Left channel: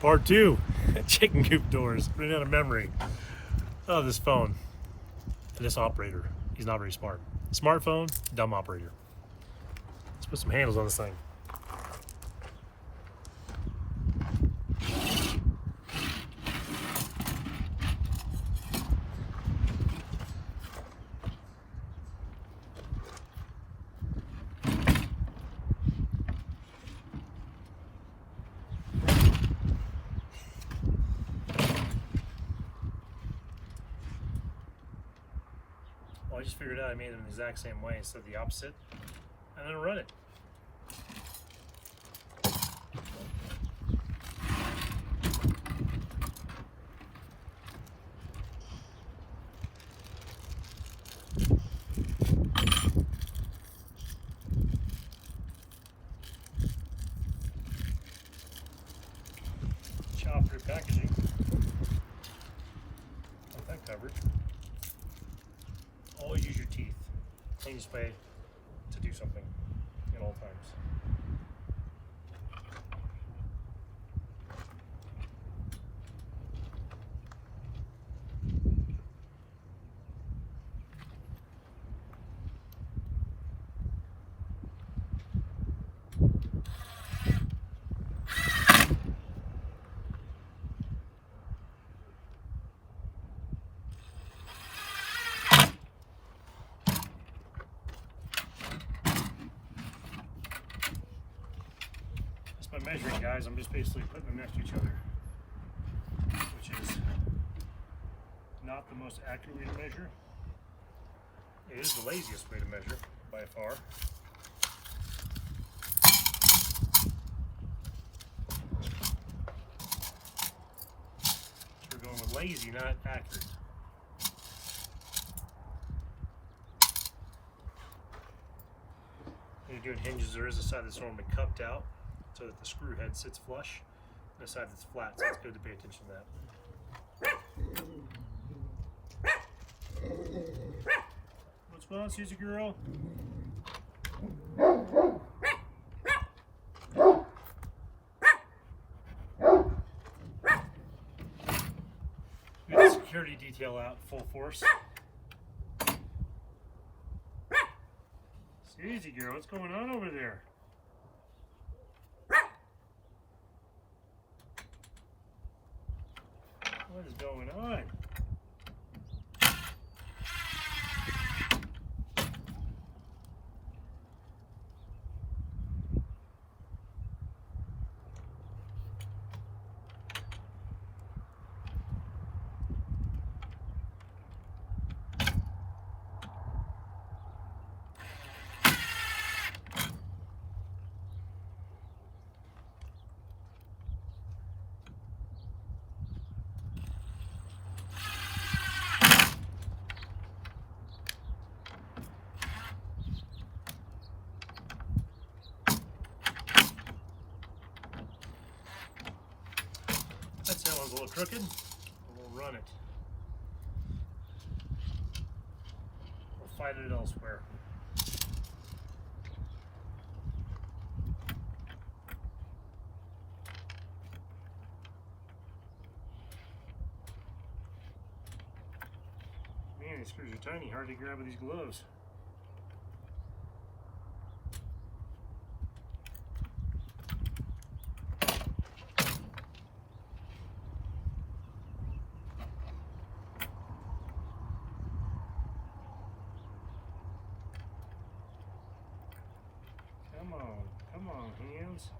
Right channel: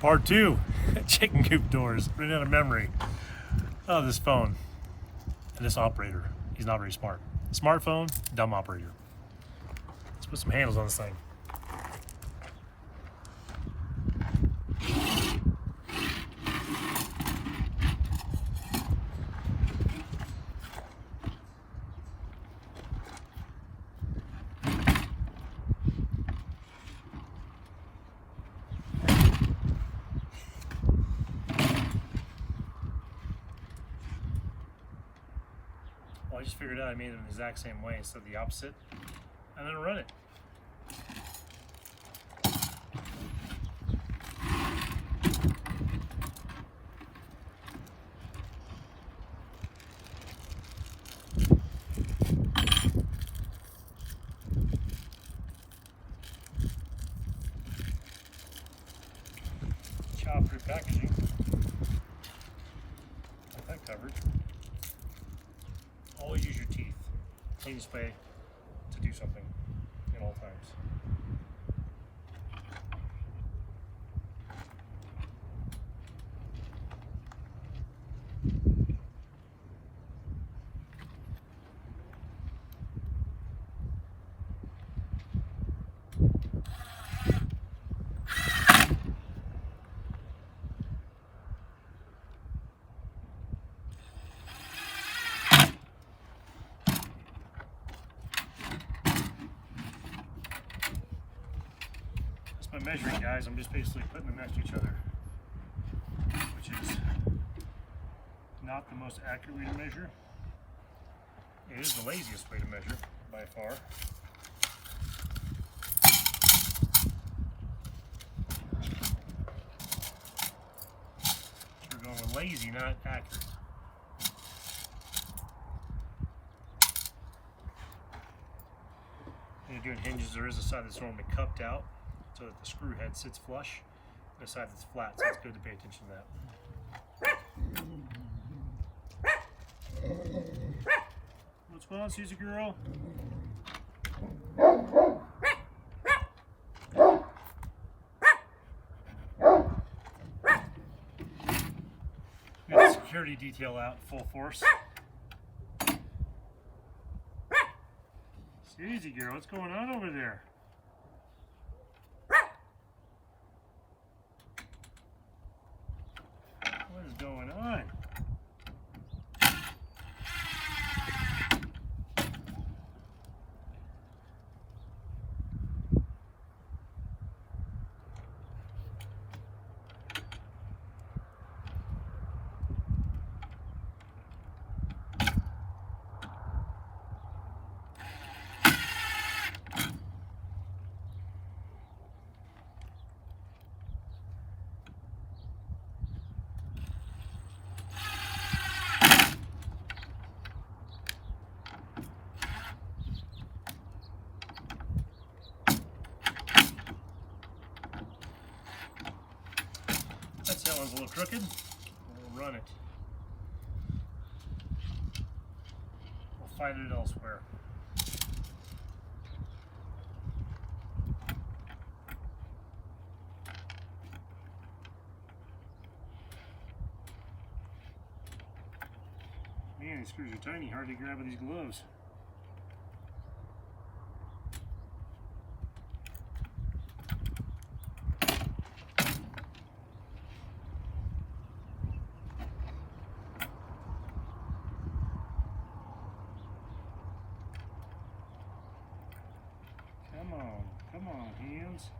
Part 2, chicken coop doors. Running out of memory. Oh, this phone and this operator. He's not very smart. Smartphone, dumb operator. Let's put some handles on this thing. I just figured out I made it the exact same way instead of the opposite, and then run it. Chop through packaging. Got that covered. Always use your teeth. Cleanest way to do something at all times. By measuring, guys, I'm just basically putting them next to each other, which is not the most accurate way to measure. It is the laziest way to measure by far. So we're going with lazy, not accurate. When you're doing hinges, there is a side that's normally cupped out, so that the screw head sits flush, and a side that's flat, so it's good to pay attention to that. What's going on, Susie girl? Got the security detail out full force. Susie girl, what's going on over there? What is going on? That one's a little crooked. We'll run it. We'll fight it elsewhere. Man, these screws are tiny, hard to grab with these gloves. Come on, hands.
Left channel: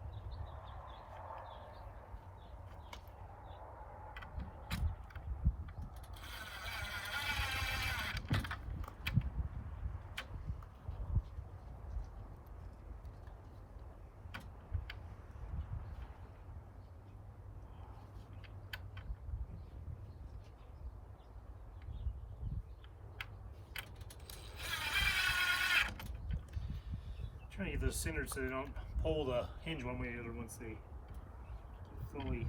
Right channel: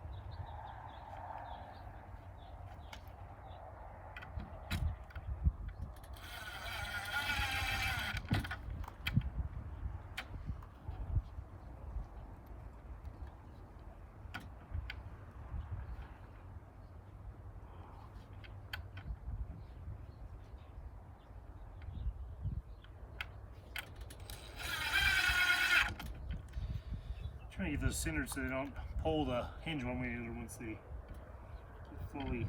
Trying to get those centered so they don't pull the hinge one way or the other once they get fully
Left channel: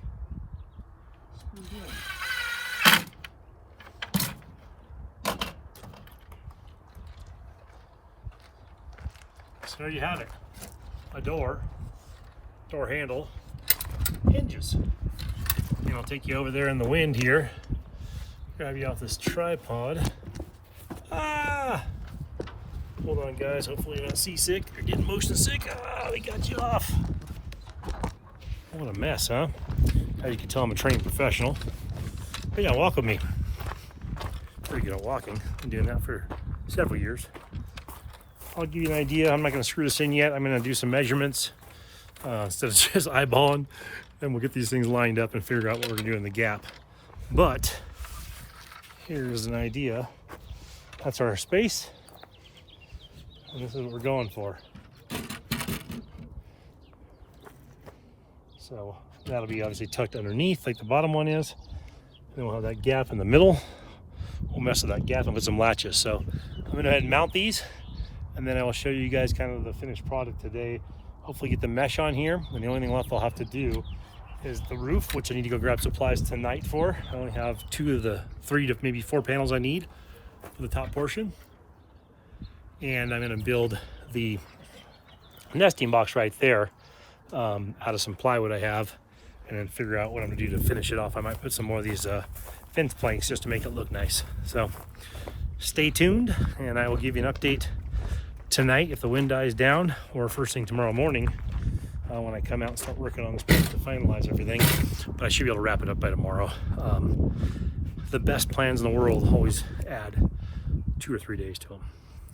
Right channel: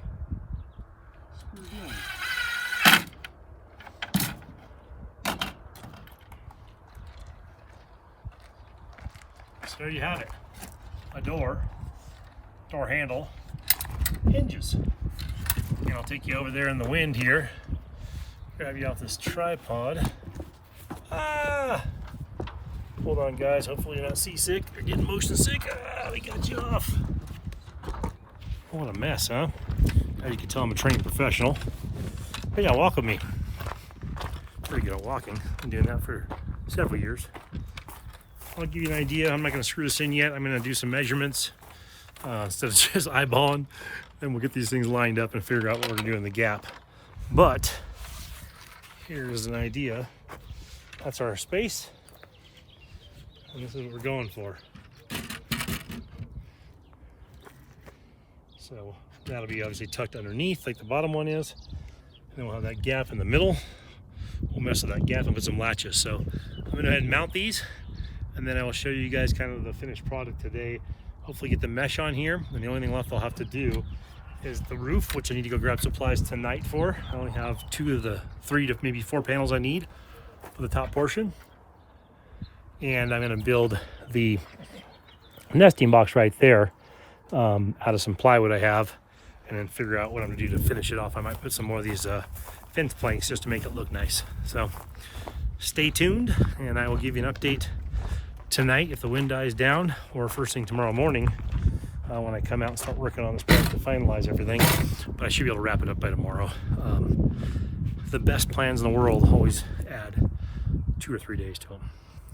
screwed in. So there you have it. A door handle, hinges. And I'll take you over there in the wind here. Grab you off this tripod. Ah! Hold on, guys. Hopefully you're not seasick or getting motion sick. Ah, we got you off. What a mess, huh? As you can tell, I'm a trained professional. Hey, y'all walk with me. Pretty good at walking. Been doing that for several years. I'll give you an idea. I'm not going to screw this in yet. I'm going to do some measurements instead of just eyeballing. Then we'll get these things lined up and figure out what we're going to do in the gap. But here's an idea. That's our space. And this is what we're going for. So that'll be obviously tucked underneath like the bottom one is. And then we'll have that gap in the middle. We'll mess with that gap and put some latches. So I'm going to go ahead and mount these, and then I will show you guys kind of the finished product today. Hopefully get the mesh on here, and the only thing left I'll have to do is the roof, which I need to go grab supplies tonight for. I only have 2 of the 3 to maybe 4 panels I need for the top portion. And I'm going to build the nesting box right there out of some plywood I have, and then figure out what I'm going to do to finish it off. I might put some more of these fence planks just to make it look nice. So stay tuned, and I will give you an update tonight if the wind dies down, or first thing tomorrow morning when I come out and start working on this place to finalize everything. But I should be able to wrap it up by tomorrow. The best plans in the world always add 2 or 3 days to them.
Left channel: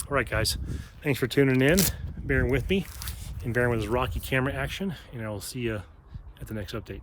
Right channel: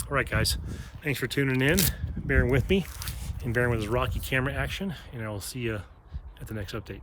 All right, guys, thanks for tuning in, bearing with me, and bearing with this rocky camera action, and I will see you at the next update.